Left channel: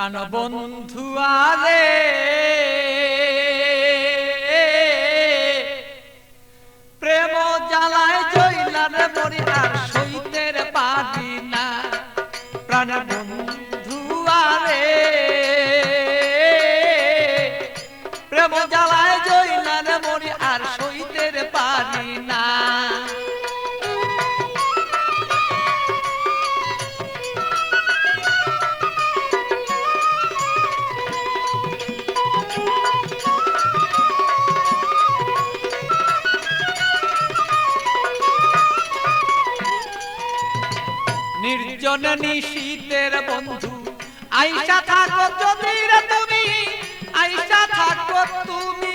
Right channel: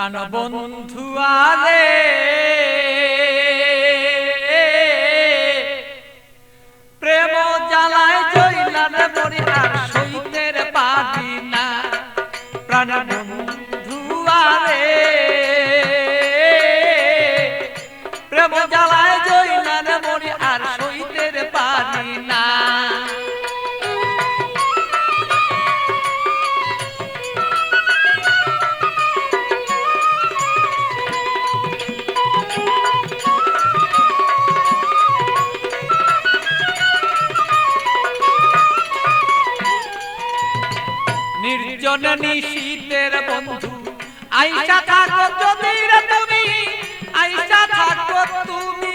প্রাণবন্ধু আরে প্রেম জ্বালায় জইলার মরি আর সইতের পারি না। প্রাণবন্ধু আরে প্রেম জ্বালায় জইলার মরি আর সইতের পারি না। নির্জন নিশীতের বন্ধু আইসা থাকো যদি রে তুমি, আইসা থাকো তুমি।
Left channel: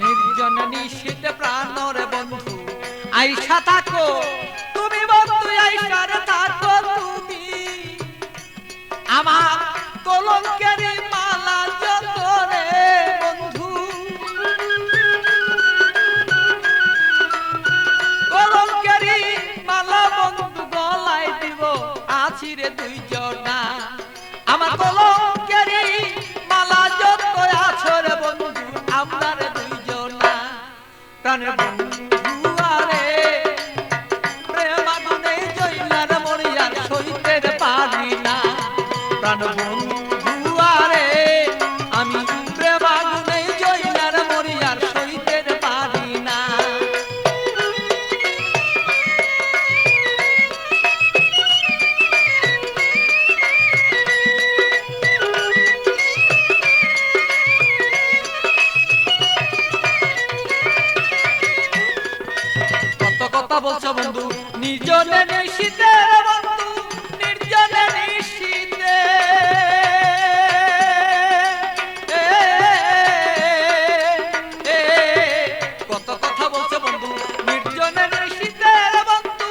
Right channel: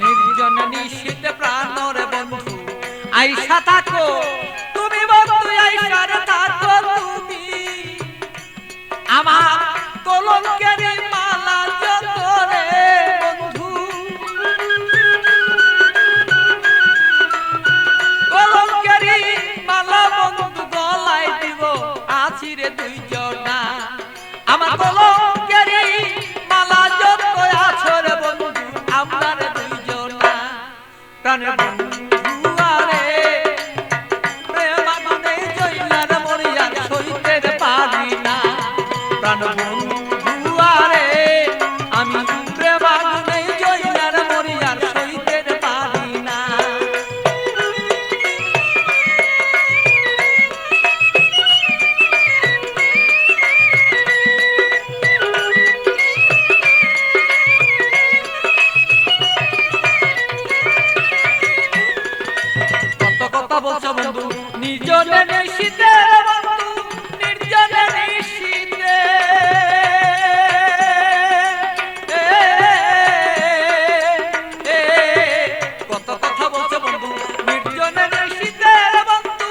নির্জন নিশীত প্রাণর বন্ধু আইসা থাকো তুমি, বন্ধু আইসা থাকো তুমি। আমার কলঙ্কের মালা যত রে বন্ধু, কলঙ্কের মালা বন্ধু গলায় দিব আছি রে দুইজনা। আমার কলঙ্কের মালা যত আছো রে বন্ধু আমরা রে দুইজনা। প্রাণের বন্ধু প্রাণবন্ধু আরে আমি প্রেম আগুনে জইলার মরি আর সইতে পারি না। কত কথা বলছো বন্ধু নিজনে নিশিতে বন্ধু, নির্জনে নিশিতে কত কথা বলছো বন্ধু নির্জনে নিশিতে বন্ধু,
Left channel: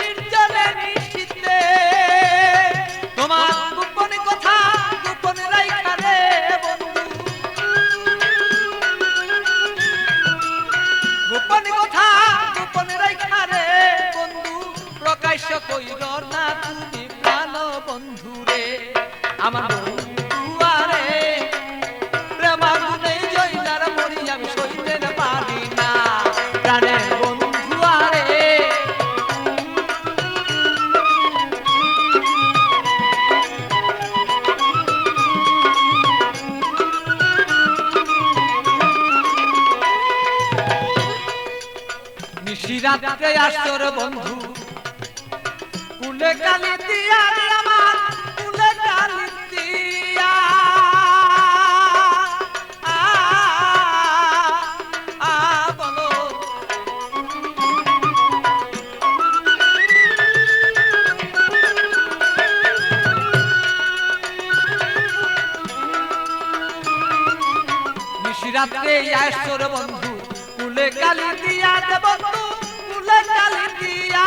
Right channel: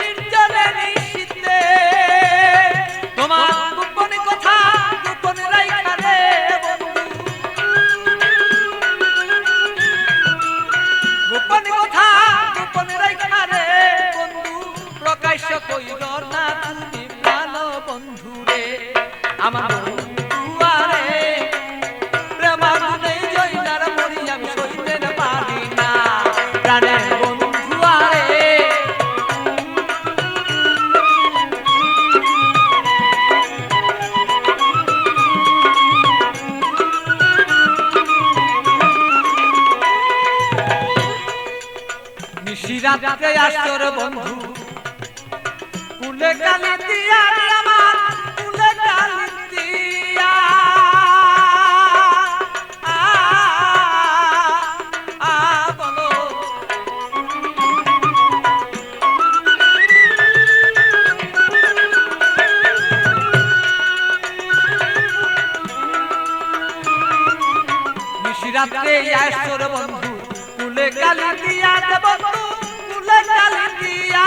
নির্জনে নিশিতে। তোমার গোপন কথা গোপন রাইখা রে বন্ধু, গোপন কথা গোপন রাইখা রে বন্ধু। প্রকাশ্য কইল না তুমি প্রাণ বন্ধু রে। আমার বন্ধু আরে প্রেম আগুনে জইলার মরি আমি সইতে পারি না। প্রাণের বন্ধু আরে নিশিরাতে আসর বন্ধু কুলে কালি দিয়া আমার কুলে কালি দিয়া বলো। নিশিরাতে আসর বন্ধু কুলে কালি দিয়া বন্ধু, কুলে কালি দিয়া।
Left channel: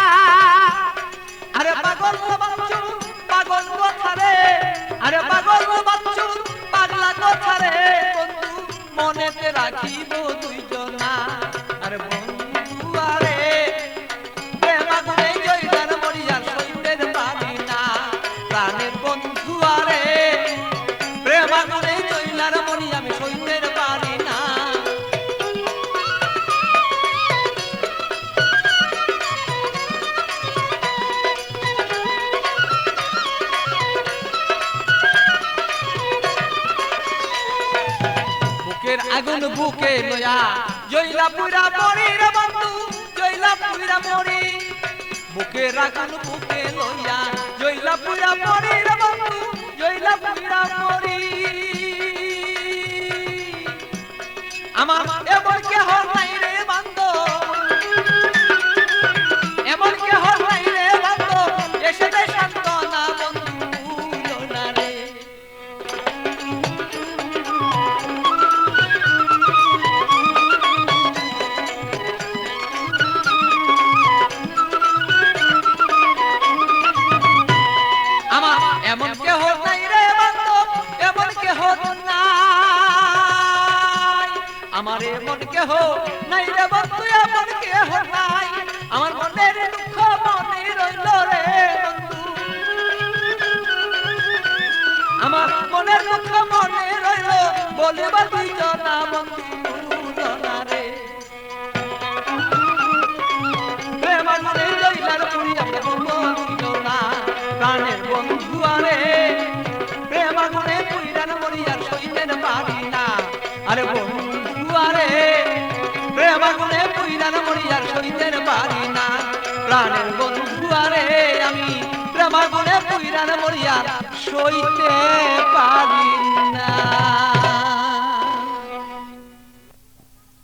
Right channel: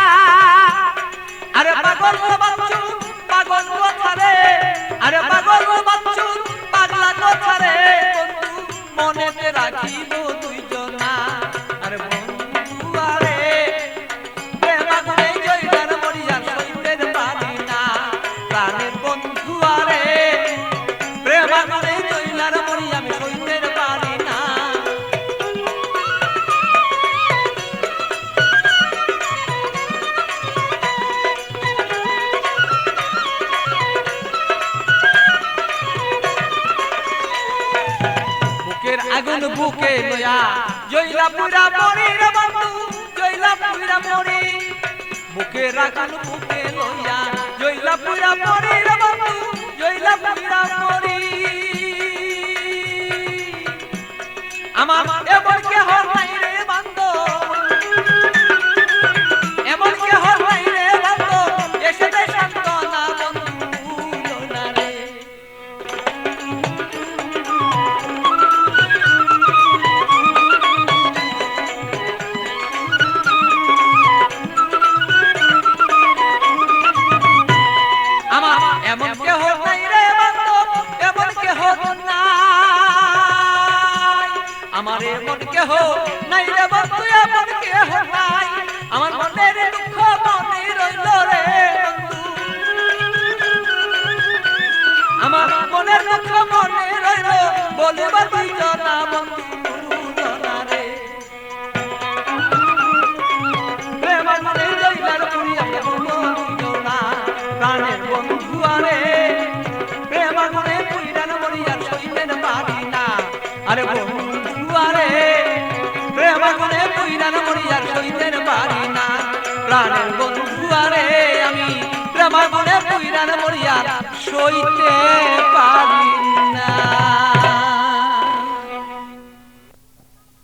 আরে পাগল বাচ্চু পাগল কথা রে, আরে পাগল বাচ্চু পাগলা কথা রে বন্ধু মনেতে রাখিব দুইজনা। আরে বন্ধু আরে প্রেম আগুনে জইলার মরি আর সইতে পারি না। প্রাণের বন্ধু আরে প্রেম আগুনে জইলার মরি আমি সইতে পারি না। বুকের আগুন বুকে লয়া জইলা পুরা মরি রে বন্ধু, জইলা পুরা মরি। বুকের আগুন বুকে লয়া জইলা পুরা মরি রে বন্ধু, জইলা পুরা মরি। আমার এমন কেহ নাই রে বন্ধু, এমন কেহ নাই রে বন্ধু এসে দে সান্তনা বন্ধু না রে। আমার এমন কেহ নাই রে বন্ধু, এমন কেহ নাই, আমার মনের দুঃখ মনে রইল রে বন্ধু, আমার মনের দুঃখ মনে রইল, বলিবার দিত না বন্ধু জনা রে, প্রেম মনে রইলার পুরিয়া বলিল না প্রাণের বন্ধু আরে, প্রেম মনে পুইরান মরিয়া সইতেন পারি না, আরে বন্ধু আরে প্রেম মনে পুইরান মরিয়া সইতেন পারি না, প্রাণের বন্ধু আরে আমি প্রেম মনে পুইরান মরিয়া সইতে পারি না।